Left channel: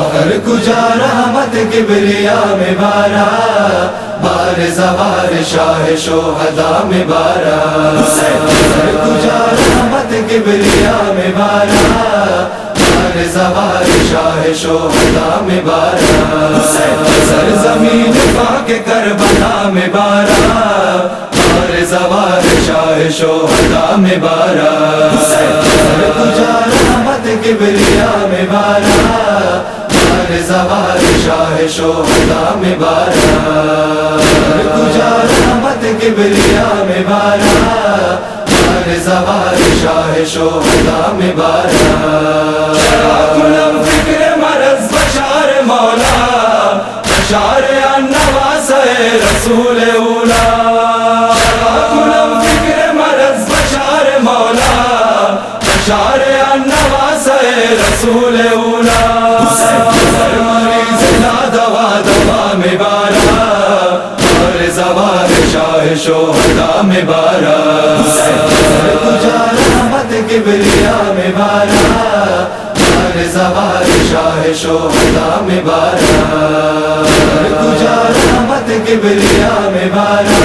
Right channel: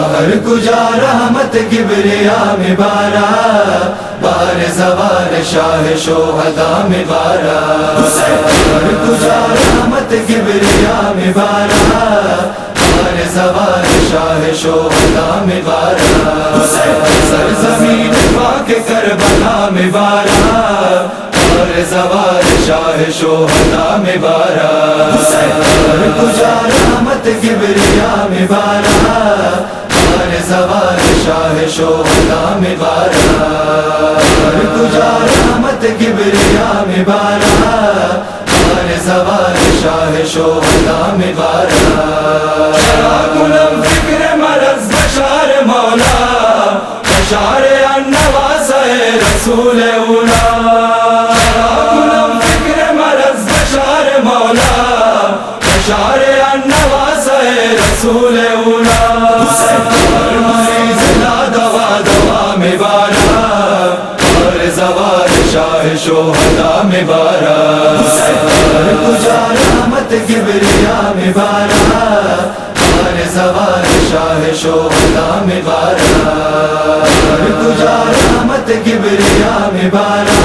بہر کجا رحمت کبریا میں بارا، بار زوار شاہ شہداء میں بارا، بہر کجا رحمت کبریا میں بارا، بار زوار شاہ شہداء میں بارا، سرزمین پاک کربلا میں بارا، بار زوار شاہ شہداء میں بارا، بہر کجا رحمت کبریا میں بارا، بار زوار شاہ شہداء میں بارا، بہر کجا رحمت کبریا میں بارا، بار زوار شاہ شہداء میں بارا، کنم فکر مرض بشار مولا، بشار النواس رسول اولا، کنم فکر مرض بشار مولا، بشار النواس رسول اولا، مریض لا دوا دوا میں بارا، بار زوار شاہ شہداء میں بارا، کجا رحمت کبریا میں بارا، بار زوار شاہ شہداء میں بارا، کجا رحمت کبریا میں بارا،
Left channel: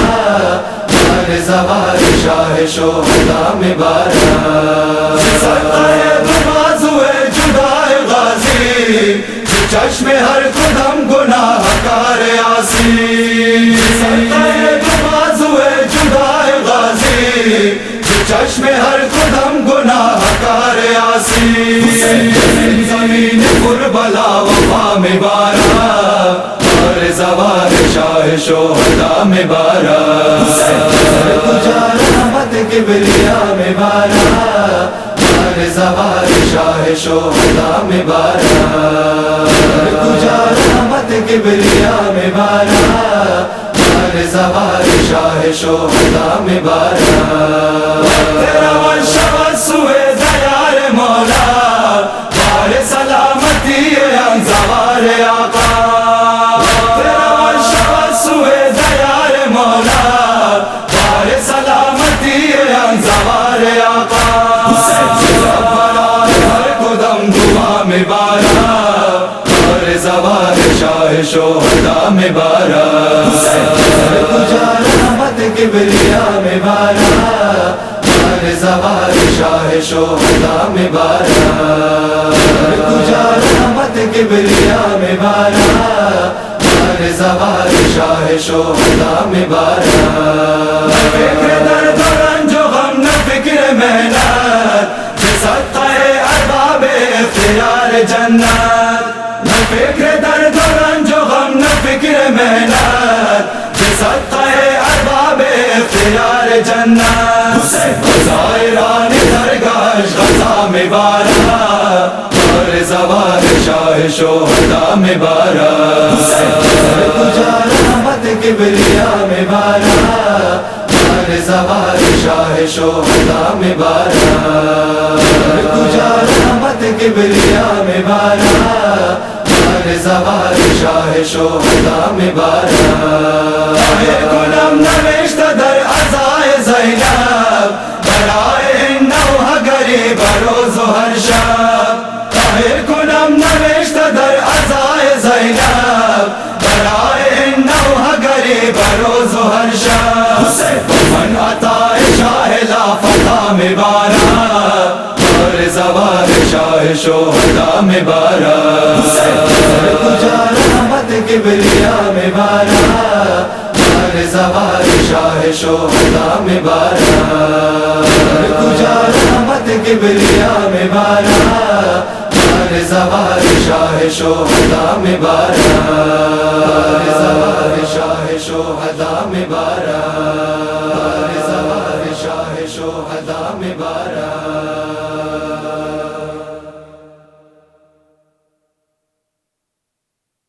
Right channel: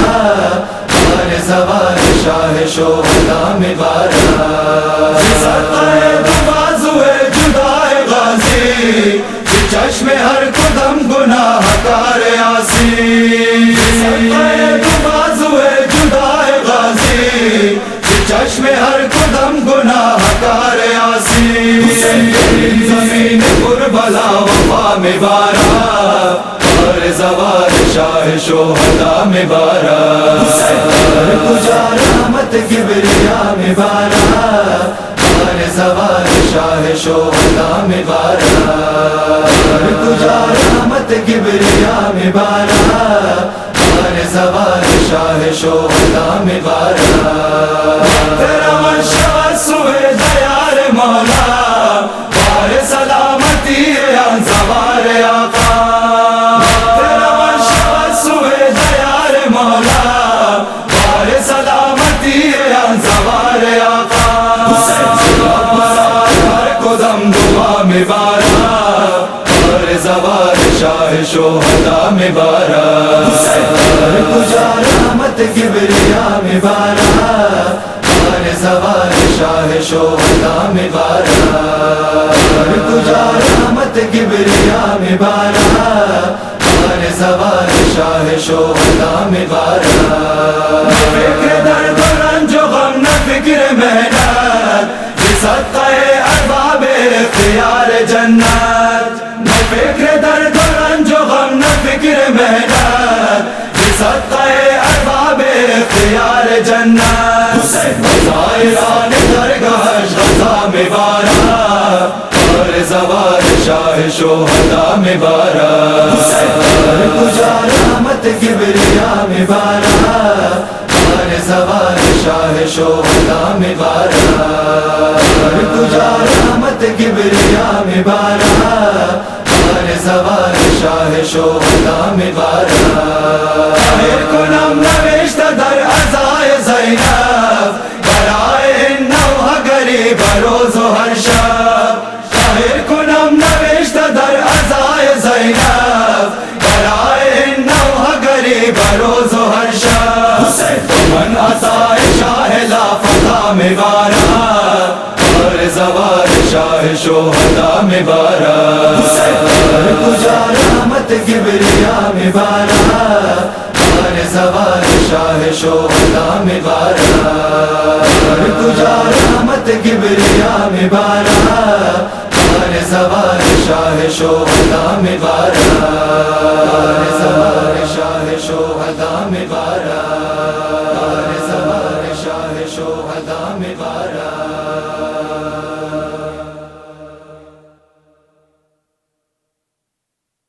بار زوار شاہ شہداء میں بارا، چشم ہر قدم گناہ کار عاصی، بازوئے جدائے غازی، چشم ہر قدم گناہ کار عاصی، زمین کربلا وفا میں بارا، بار زوار شاہ شہداء میں بارا، کجا رحمت کبریا میں بارا، بار زوار شاہ شہداء میں بارا، کجا رحمت کبریا میں بارا، بار زوار شاہ شہداء میں بارا، تیرا ورشہ سوئے دیار مولا، بار سلامتی ان زوار آقا، تیرا ورشہ سوئے دیار مولا، بار سلامتی ان زوار آقا، ہر قدم دعا میں بارا، بار زوار شاہ شہداء میں بارا، کجا رحمت کبریا میں بارا، بار زوار شاہ شہداء میں بارا، کجا رحمت کبریا میں بارا، بار زوار شاہ شہداء میں بارا، فکر درد و رنج و غم نہ فکر محنت، صدقہ ارباب اختیار جنت، نہ فکر درد و رنج و غم نہ فکر محنت، صدقہ ارباب اختیار جنت، زائران درگاہ غزہ میں بارا، بار زوار شاہ شہداء میں بارا، کجا رحمت کبریا میں بارا، بار زوار شاہ شہداء میں بارا، کجا رحمت کبریا میں بارا، بار زوار شاہ شہداء میں بارا، کنم نوشت در عزائے زینب، برائے نوح غریب روز و ہر شب، کنم نوشت در عزائے زینب، برائے نوح غریب روز و ہر شب، من عطا شاہ لا فتح میں بارا، بار زوار شاہ شہداء میں بارا، کجا رحمت کبریا میں بارا، بار زوار شاہ شہداء میں بارا، کجا رحمت کبریا میں بارا، بار زوار شاہ شہداء میں بارا، بار زوار شاہ شہداء میں بارا، بار زوار شاہ شہداء میں بارا۔